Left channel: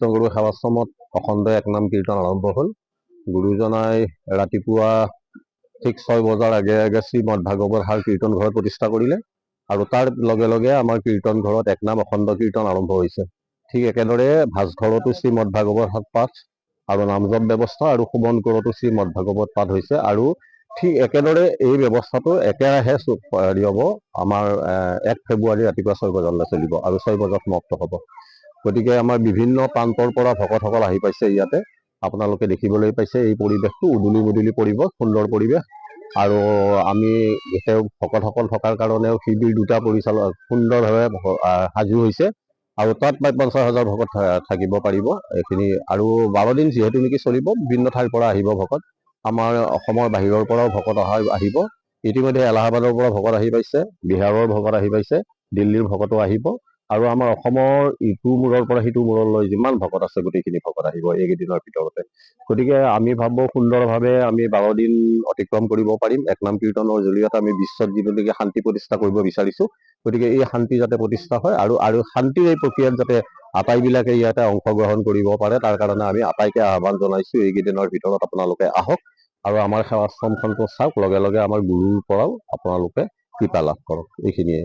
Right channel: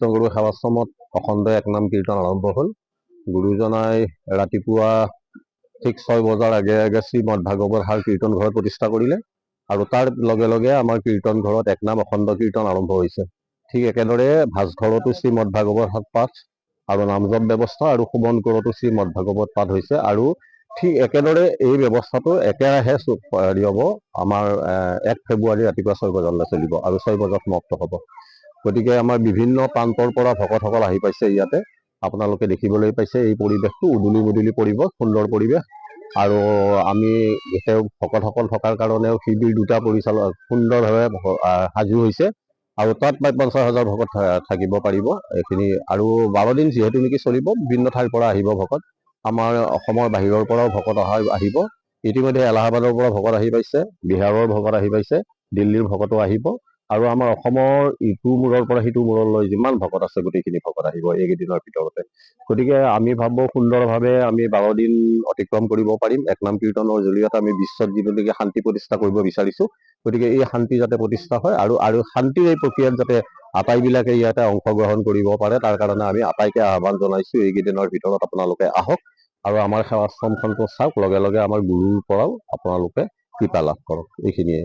কৃষ্ণগুৰু সেৱাশ্ৰমত অখণ্ড একনাম কীৰ্তন আৰম্ভ হ'ল। গুৰুজনাই ৰাতিপুৱা ঠিক 6 বজাৰ আগে আগে শ্ৰীমদ ভাগৱত সাৰ কীৰ্তন ঘৰত প্ৰতিষ্ঠা কৰিলে আৰু তাৰ লগে লগে আমাৰ কীৰ্তন ঘৰত একনাম অখণ্ড কীৰ্তন আৰম্ভ হৈছে। ঠিক একেদৰে ভাজঘৰতো শ্ৰীমদ ভাগৱত পাঠ আৰু নামজপ ব্যৱস্থা আৰু সুমন ঘৰতো শ্ৰীমদ ভাগৱত পাঠ হৈছে আৰু ঠিক একেদৰে এই ব্যৱস্থাটো একেৰাহে হ'ব। আমাৰ 1 ফেব্ৰুৱাৰী ৰাতিপুৱা 6 বজালৈ চলিব আৰু 6 বজাত সমাপ্ত হ'ব। গতিকে আমাৰ বিভিন্ন প্ৰান্তৰ পৰা ভকতসকল আহি পাইছে ইয়াতে। আপোনালোকে দেখিবলৈ পাইছে এই পৰিৱেশটো উদুলি মুদুলি পৰিৱেশ, সুন্দৰ পৰিৱেশ আৰু আমি গোটেই ভকতসকল থকাৰ কাৰণেও শিবিৰ 2টা সুন্দৰভাৱে সাজু হৈছে আৰু তাত প্ৰায় 50,000 ভকত থাকিব পাৰিব। এইখিনি আৰু 12 দিন যিহেতু নেকি চলিব, বিভিন্ন ঠাইৰ পৰা আহিব ভকত। আমাৰ অসমৰ বাহিৰৰ পৰাও ভকত আহিব। ইতিমধ্যে এলাহাবাদৰ পৰা ভকত আহি পাইছে, বিহাৰৰ ভকত আহি পাইছে, দিল্লীৰ ভকতো আহিব আৰু আমাৰ অসমৰ ইটো মূৰৰ পৰা সিটো মূৰলৈ যিমান ভকত আছে গোটেইখিনি ভকত আহিব এইকেইদিনৰ ভিতৰতে। গতিকে আমি ভাবোঁ সুন্দৰভাৱে আমি 12 দিন অতিক্ৰম কৰিব পাৰিম। একনাম কীৰ্তনৰ জৰিয়তে আমি বিশ্বত যিটো শান্তি প্ৰতিষ্ঠা কৰিব বিচাৰিছোঁ, গতিকে এই শান্তি যাতে প্ৰতিষ্ঠা হয় আৰু শান্তিৰ এই প্ৰক্ৰিয়াত যাতে আটাইবিলাকে ইয়াতে অংশগ্ৰহণ কৰিব পাৰে, তাৰ কাৰণে আমি আটাইকে আহ্বান জনাইছোঁ এইকেইদিনৰ ভিতৰত আপোনালোকে আহক আৰু আমাৰ সেৱাশ্ৰমখনটো চাওক, লগে লগে আমাৰ গুৰুৰ পৰাও আপোনালোকে কৃপা লাভ কৰক। এইখিনিয়ে।